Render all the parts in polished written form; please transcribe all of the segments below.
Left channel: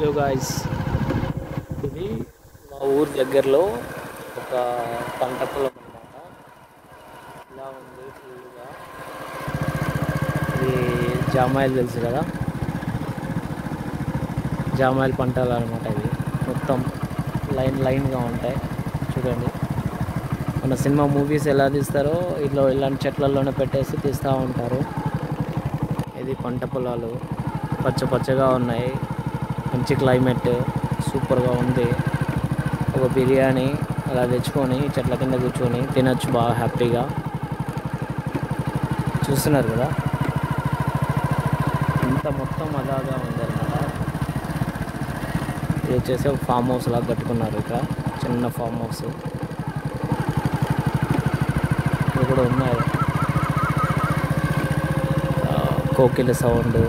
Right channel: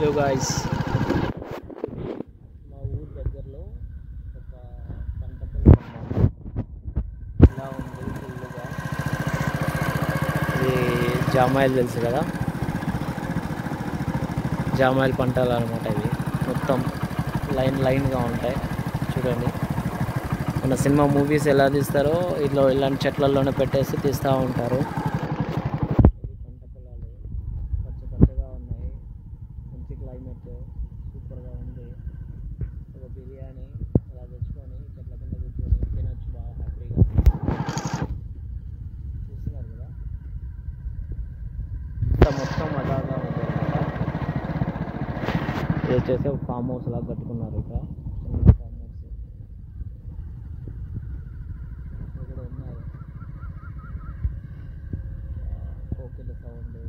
Hello guys, ఇది మా ఊరి దగ్గరలో ఒక పంట పొలం అన్నమాట. ఇలా ఉంది ఫుల్గా. ఇది జామాయిలు తెలుసు కదా, జామాయిలు పంటలు అనమాట. ఇది మొత్తం లైన్గా ఉంటాయి. చూడండి, మన సినిమా మూవీస్ ఎలా తీస్తారో ఇలాంటి చెట్లలోనే పెట్టేసి తీస్తూ ఉంటారు. ఇది పంట పొలాలు పచ్చగా ఉన్నాయి. మంచి క్లైమేట్, సూపర్గా ఉంది. ఒక బిర్యానీ అలా తెచ్చుకొని చెట్ల కింద కూర్చొని తినచ్చు బాగా హ్యాపీగా. చూస్తున్నారు కదా, ఇంత మొత్తం అలాగా ఉంది అన్నమాట. ఇది వచ్చేసి ఒక ఫామ్ హౌస్ లాగా కట్టుకున్నారు. ఇక్కడ చిన్న ఫామ్ హౌస్ ఇది కూడా ఉన్నాయి. కోకిల సౌండ్,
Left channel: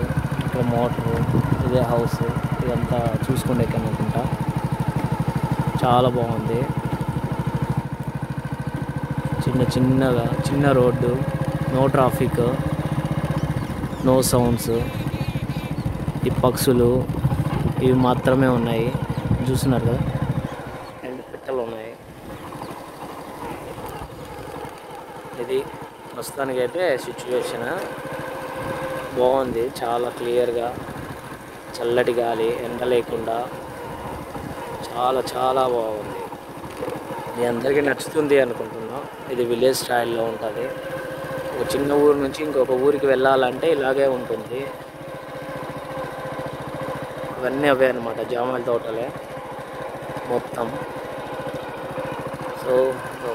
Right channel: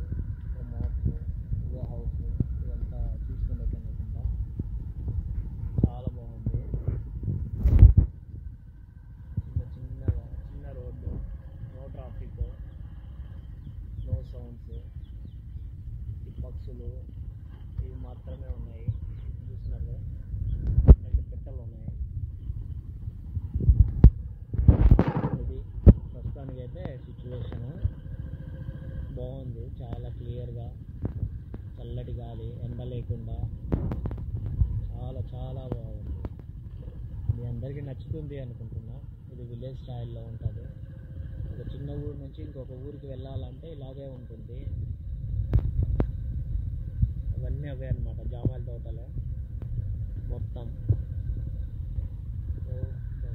ఇక్కడ మోటరు, ఇదే హౌస్. ఇదంతా చూసుకుంటే అనుకుంటా. చాలా బాగుంది. చిన్న road, no traffic, no sounds. ఈ పక్షులు ఇవి మాత్రమే ఉన్నాయి. చూస్తున్నారు కదా, 2 పిట్టలు ఉన్నాయి. ఇది ప్రస్తుతానికైతే సిచ్యువేషన్ బాగుంది. చాలా క్లియర్గా, చల్లటి గాలి, ఎండ లేకుండా చాలా బాగుంది. ఇది అందరికీ నచ్చుతుంది అనుకుంటున్నా. ఇది విలేజ్ స్టైల్లో ఉంటుంది. ఒక చిన్న ఊరు నుంచి ఇంకొక ఊరికి వెళ్ళాలంటే ఇలాగే ఉంటుంది. ఇవన్నీ అవే అనమాట, జామాయిల తోటలే మొత్తం. సో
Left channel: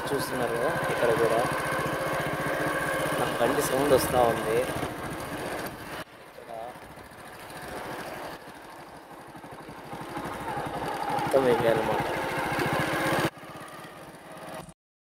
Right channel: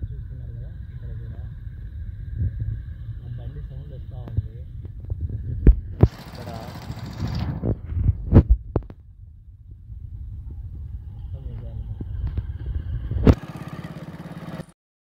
చూస్తున్నారు కదా, ఇక్కడ కూడా నాకు బండి సౌండ్ వస్తూ ఉంది. ఇక్కడ మొత్తం ఇవే అనమాట.